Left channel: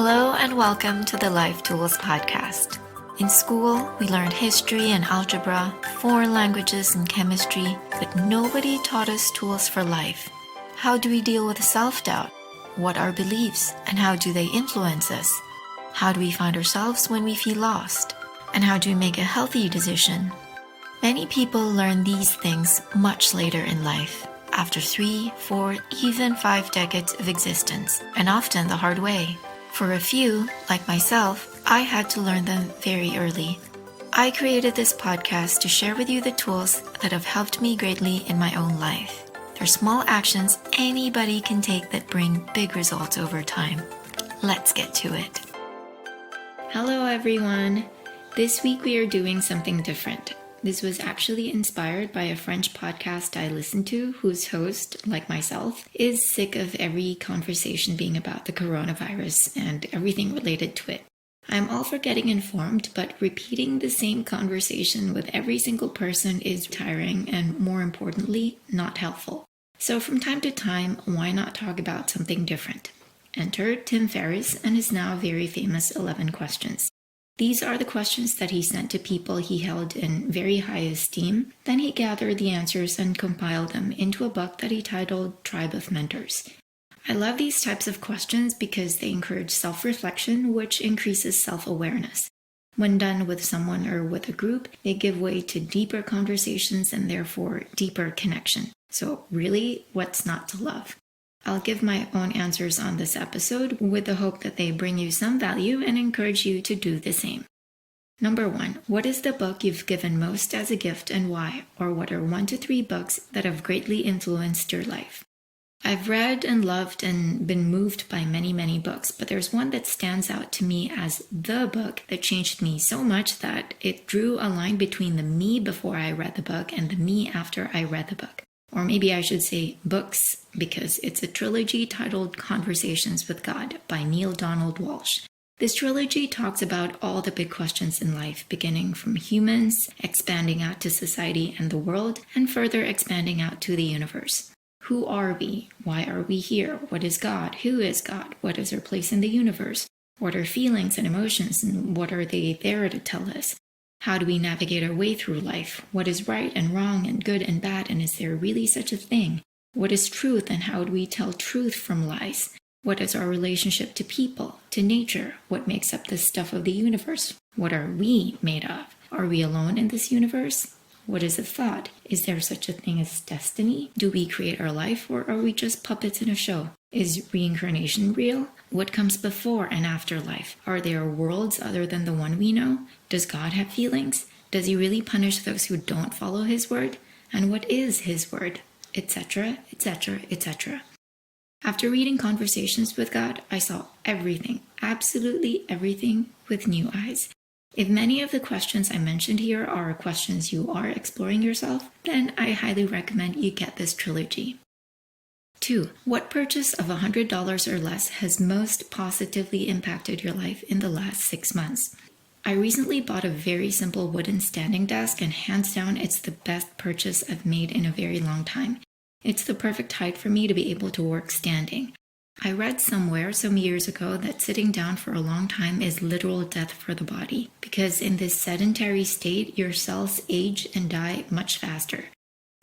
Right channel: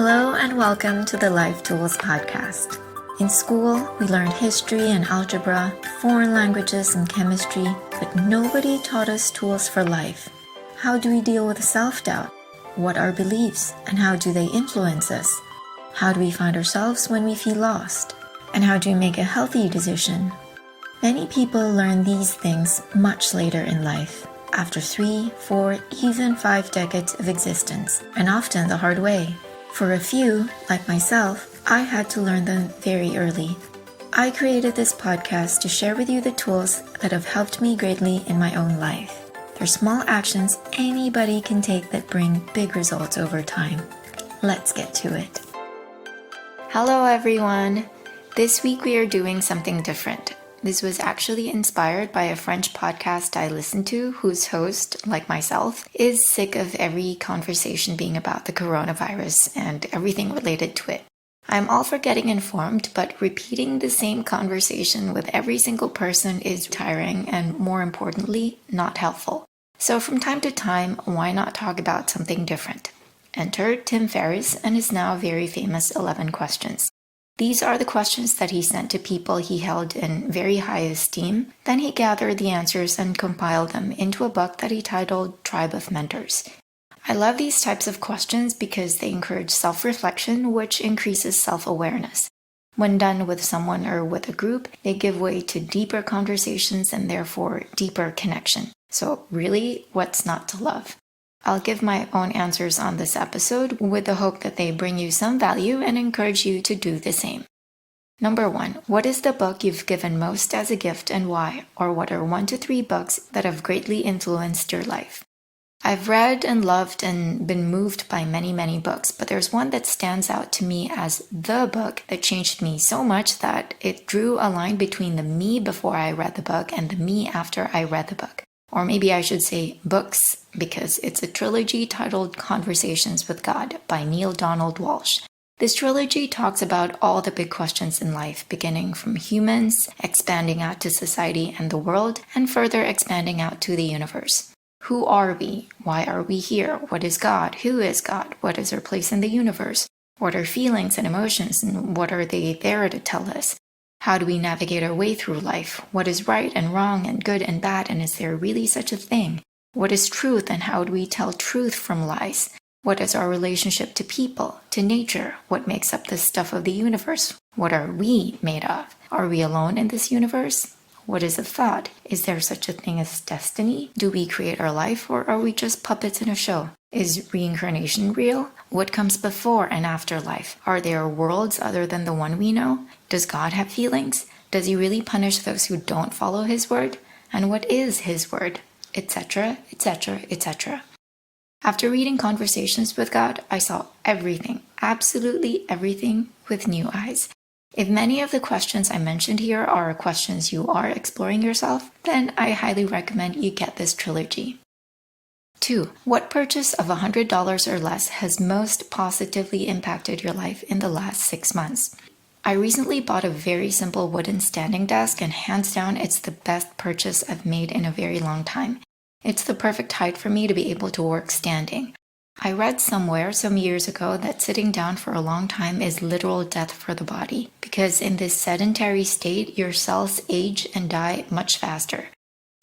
Hello and welcome to the Life Tools podcast. In school, we learned history and algebra, foreign languages and chemistry, but nobody taught us tools for life. How do we deal with self-doubt? What are beliefs and how do they influence us? How do we find ourselves when we feel lost? And how do we make a healthy decision? Many people learn these things much later in life, after 3, 4, even 5 decades of existence, and often the hard way. For a few, like myself, I had to learn them very early. I created this podcast to share with you the tools that have helped me greatly in my own life. They're small actions anybody can take that bring big results over time. Let's get to it. Hello everyone! This week we are doing something different. This was actually inspired by a French podcast I listen to whose host, like myself, is sick of every conversation being about the coronavirus and everything related to it. I'm all for getting informed, but repeating the same conversation with every single person is tiring and, more importantly, not helpful. So from time to time, why not talk about something different? Enter Tim Ferriss and his now very famous 11 questions. These are the questions that he sent to people he held in very high esteem. Then he gathered the answers and compiled them into a book that he titled Tribe of Mentors. I love these types of questions because they encourage self-reflection, which increases self-awareness. When done with someone or with a group, they give way to deeper conversations and therefore deeper connection. So really, what's not to love? I'll give my own answers on this episode with the hope that they bring you some value and encourage you to do the same. Number 1, what is the book you've given most as a gift and why? Or what are 1 to 3 books that have greatly influenced your life? I've read and loved and been moved by many books, but there's one that stands out to me as the book that changed me so much that it drew a line between the me before I read the book and the me after I read the book. Or maybe I should say books, because it's a trilogy titled Conversations with God by Neale Donald Walsch. This trilogy talks about all the big questions in life, beginning from humans, expanding out to society and the world, and further expanding out to the universe. Who are we? Why are we here? What is God? Who is God? What is our place in the universe? What are feelings and emotions, and what are they there to tell us? How do we navigate our way through life? What is right and wrong and good and bad, and is there really such a thing? What is truth and how do we tell truth from lies? What is our relationship to people, to nature? What makes up the stuff of the universe? What are we made of? Are we alone in this universe? What is a thought? Is there such a thing as destiny? Do we create our life or are we just puppets in a show? Is reincarnation real? What comes before and after life? Are there worlds other than the one we know? Does God have feelings? Does he really punish those who don't follow his word? And what is his word? Etc., etc., etc. After reading Conversations with God, I saw everything, absolutely everything, with new eyes. If many of the questions I mentioned here are questions you are exploring yourself, then I highly recommend you get this trilogy. 2. What purchase of $100 or less has most positively impacted your life in the last 6 months? I recently bought a very simple wooden standing desk and hands down it's the best purchase I've made in a very long time. It's the perfect height for me to be able to work standing. I read somewhere some years ago that sitting down for a long time is literal death for the body because in this sedentary state your cells age and die much faster.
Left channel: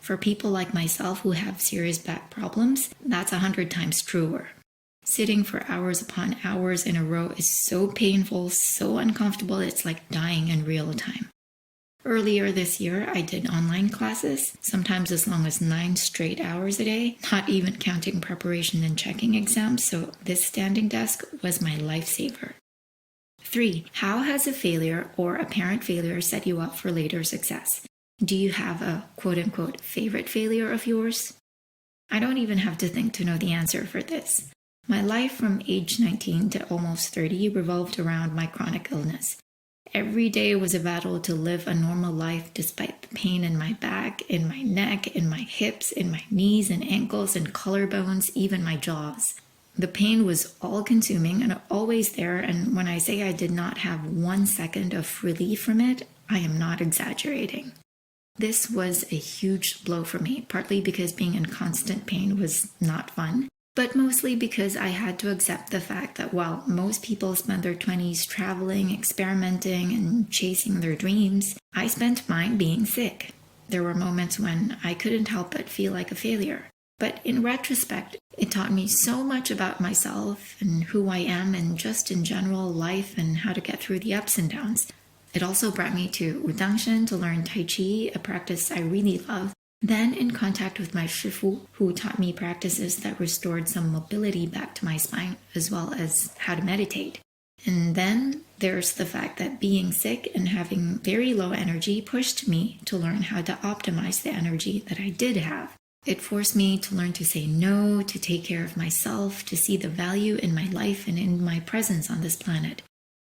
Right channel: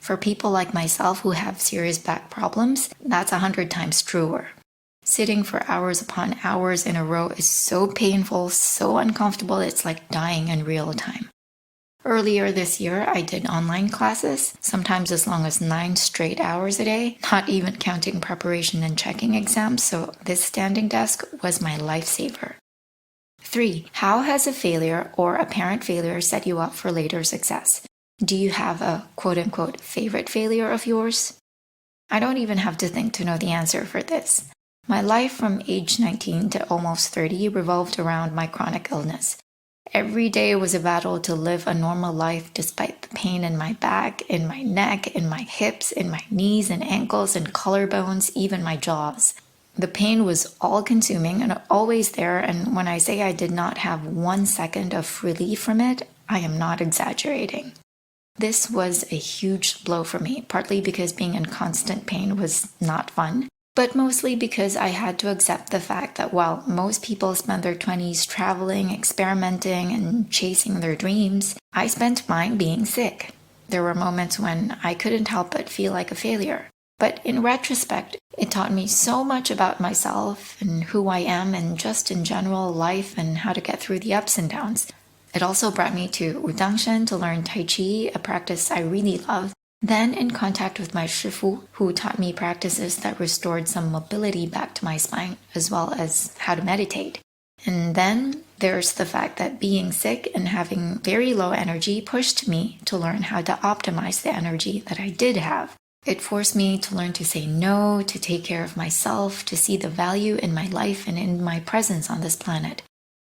For people like myself who have serious back problems, that's 100 times truer. Sitting for hours upon hours in a row is so painful, so uncomfortable, it's like dying in real time. Earlier this year, I did online classes, sometimes as long as 9 straight hours a day, not even counting preparation and checking exams, so this standing desk was my lifesaver. 3. How has a failure or apparent failure set you up for later success? Do you have a quote-unquote favorite failure of yours? I don't even have to think to know the answer for this. My life from age 19 to almost 30 revolved around my chronic illness. Every day was a battle to live a normal life despite the pain in my back, in my neck, in my hips, in my knees and ankles and collarbones, even my jaws. The pain was all-consuming and always there, and when I say I did not have 1 second of relief from it, I am not exaggerating. This was a huge blow for me, partly because being in constant pain was not fun, but mostly because I had to accept the fact that while most people spend their 20s traveling, experimenting, and chasing their dreams, I spent mine being sick. There were moments when I couldn't help but feel like a failure. But in retrospect, it taught me so much about myself and who I am and just in general life and how to get through the ups and downs. It also brought me to Wudangshen to learn Tai Chi, a practice I really love. Then in contact with my Shifu, who taught me practices that restored some mobility back to my spine, as well as how to meditate. And then there's the fact that being sick and having very low energy pushed me to learn how to optimize the energy that I did have. It forced me to learn to say no, to take care of myself, to see the value in my life and in my presence on this planet.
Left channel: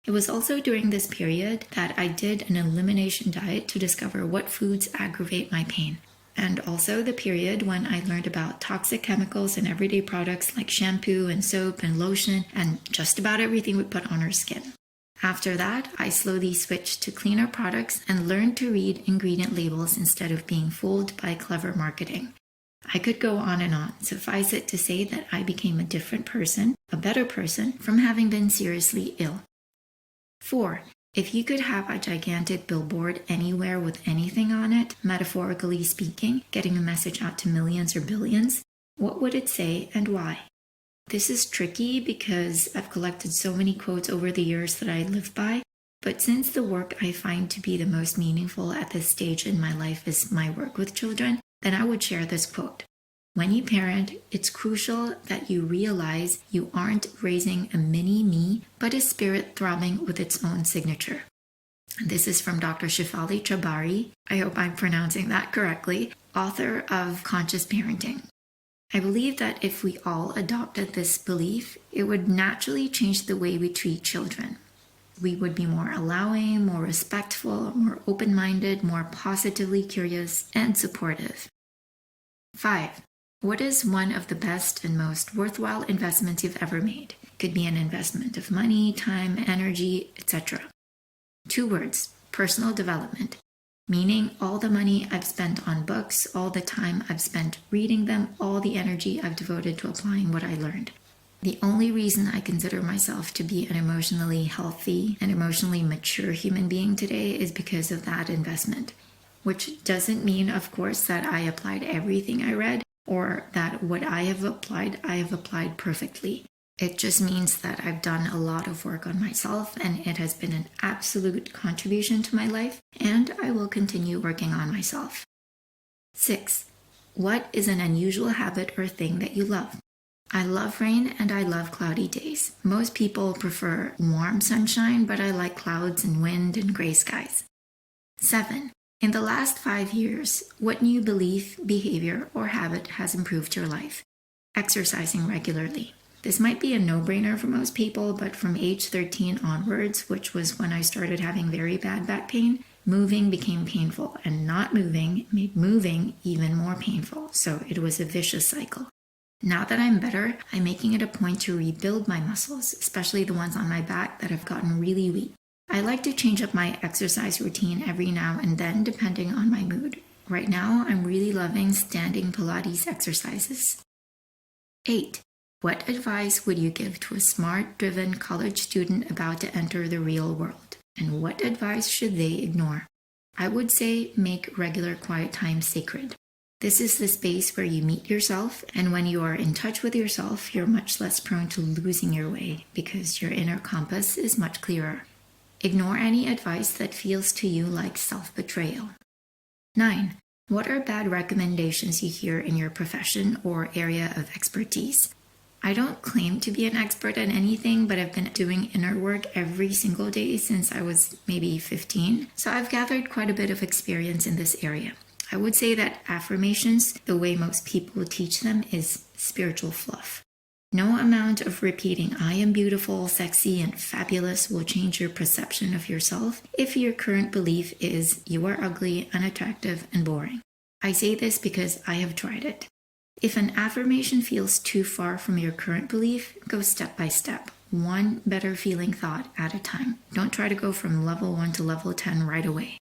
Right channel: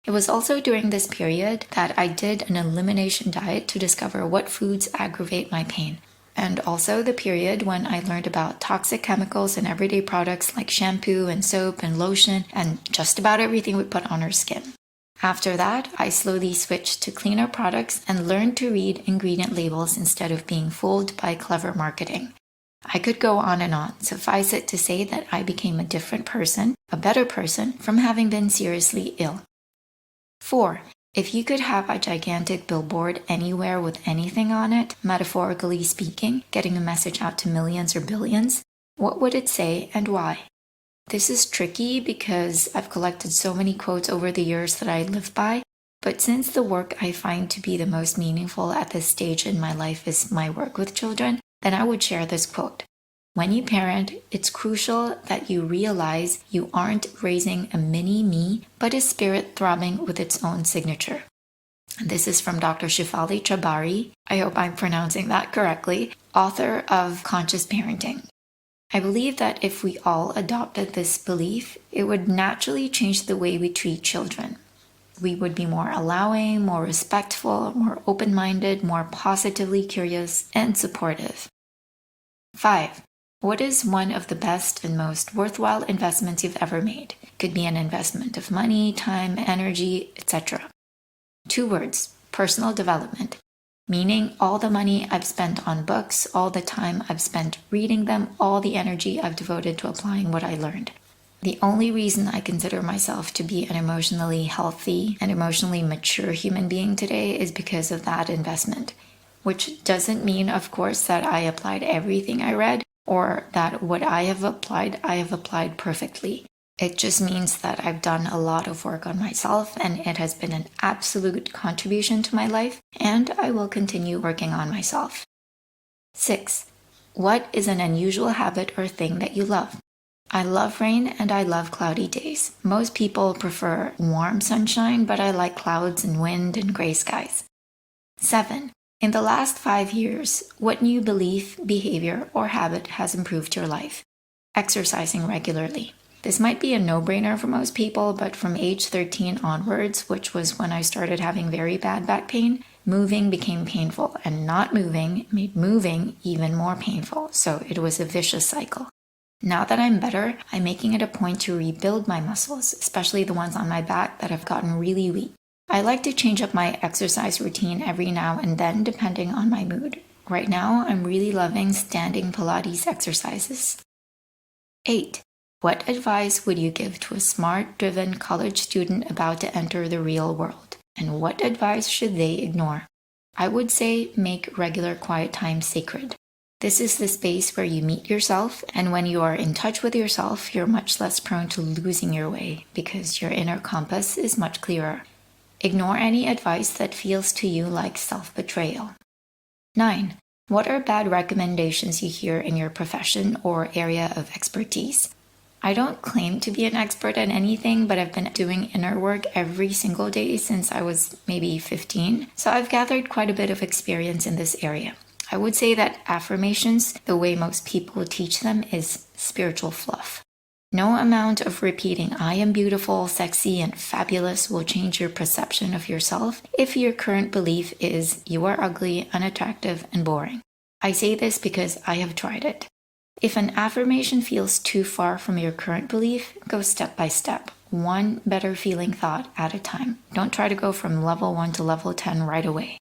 It was also during this period that I did an elimination diet to discover what foods aggravate my pain. And also the period when I learned about toxic chemicals in everyday products like shampoo and soap and lotion and just about everything we put on our skin. After that, I slowly switched to cleaner products and learned to read ingredient labels instead of being fooled by clever marketing. I could go on and on. Suffice it to say that I became a different person, a better person, from having been seriously ill. 4. If you could have a gigantic billboard anywhere with anything on it, metaphorically speaking, getting a message out to millions or billions, what would it say and why? This is tricky because I've collected so many quotes over the years that I live by, but since the work I find to be the most meaningful at this stage in my life is my work with children, then I would share this quote. When you parent, it's crucial that you realize you aren't raising a mini-me, but a spirit throbbing with its own signature. This is from Dr. Shefali Chhabari, I hope I'm pronouncing that correctly, author of Conscious Parenting. I believe that if we all adopted this belief, it would naturally change the way we treat children. We would be more allowing, more respectful, more open-minded, more positively curious, and supportive. 5. What is one of the best and most worthwhile investments you've ever made? It could be an investment of money, time, energy, etc. 2 words, personal development, meaning all the money I've spent on books, all the time I've spent reading them, all the energy I've devoted to applying what I learned. The only reason I consider myself to be an emotionally healthy and emotionally mature human being today is because of that investment, which doesn't mean, of course, that I applied everything I read, or that what I have applied perfectly. It just means that I've done a lot of work on myself and it has been an absolute contribution to my life, and I will continue working on myself. 6. What is an unusual habit or thing that you love? I love rain and I love cloudy days. Most people prefer warm sunshine, but I like clouds and wind and gray skies. 7. In the last 5 years, what new belief, behavior, or habit has improved your life? Exercising regularly. This might be a no-brainer for most people, but from age 13 onwards, which was when I started having very bad back pain, moving became painful, and not moving made moving even more painful, so it was a vicious cycle. Now that I'm better, I'm making it a point to rebuild my muscles, especially the ones on my back that have gotten really weak. I like to change up my exercise routine every now and then depending on my mood. Right now, I'm really loving standing Pilates exercises. 8. What advice would you give to a smart-driven college student about to enter the real world? And what advice should they ignore? I would say make regular quiet time sacred. This is the space where you meet yourself, and when you are in touch with yourself, you're much less prone to losing your way because your inner compass is much clearer. Ignore any advice that feels to you like self-betrayal. 9. What are bad recommendations you hear in your profession or area of expertise? I don't claim to be an expert at anything, but I've been doing inner work every single day since I was maybe 15, so I've gathered quite a bit of experience in this area. I would say that affirmations, the way most people teach them, is spiritual fluff. No amount of repeating I am beautiful, sexy, and fabulous will change your perception of yourself if your current belief is you are ugly, unattractive, and boring. I say this because I have tried it. If an affirmation feels too far from your current belief, go step by step, one better feeling thought at a time. Don't try to go from level 1 to level 10 right away.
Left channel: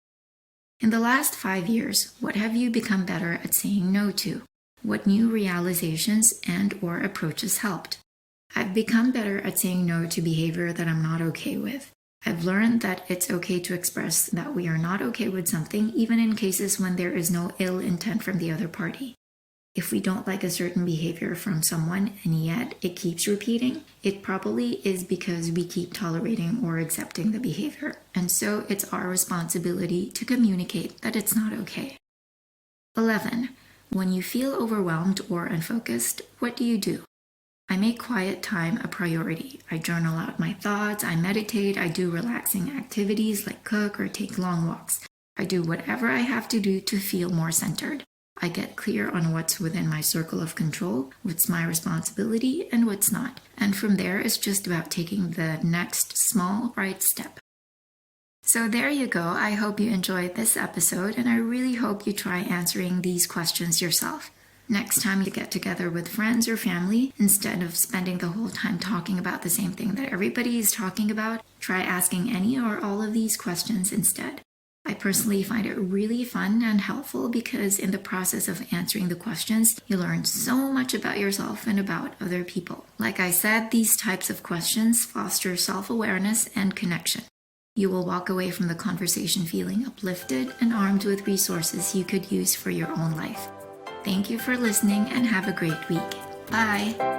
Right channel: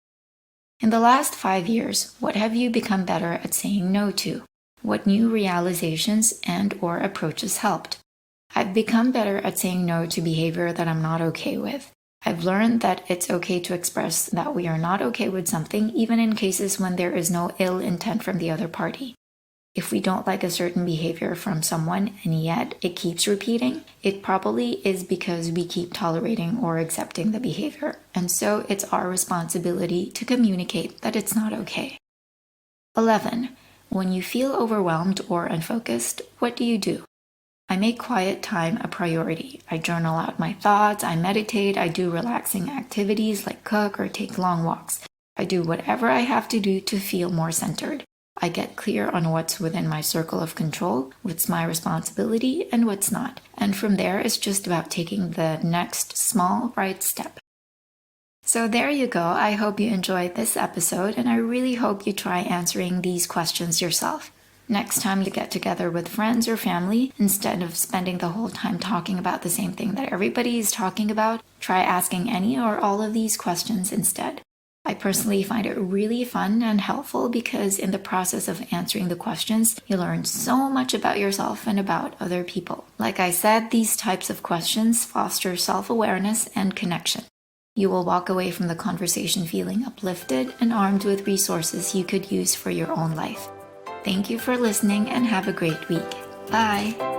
In the last 5 years, what have you become better at saying no to? What new realizations and/or approaches helped? I've become better at saying no to behavior that I'm not okay with. I've learned that it's okay to express that we are not okay with something, even in cases when there is no ill intent from the other party. If we don't like a certain behavior from someone and yet it keeps repeating, it probably is because we keep tolerating or accepting the behavior. And so it's our responsibility to communicate that it's not okay. 11. When you feel overwhelmed or unfocused, what do? I make quiet time a priority. I journal out my thoughts, I meditate, I do relaxing activities like cook or take long walks. I do whatever I have to do to feel more centered. I get clear on what's within my circle of control, what's my responsibility, and what's not. And from there, it's just about taking the next small right step. So there you go. I hope you enjoyed this episode, and I really hope you try answering these questions yourself. Next time you get together with friends or family, instead of spending the whole time talking about the same thing that everybody is talking about, try asking any or all of these questions instead. I personally find it really fun and helpful because in the process of answering the questions, you learn so much about yourself and about other people. Like I said, these types of questions foster self-awareness and connection. You will walk away from the conversation feeling uplifted and armed with resources you could use for your own life. Thank you for listening and have a great week. Bye!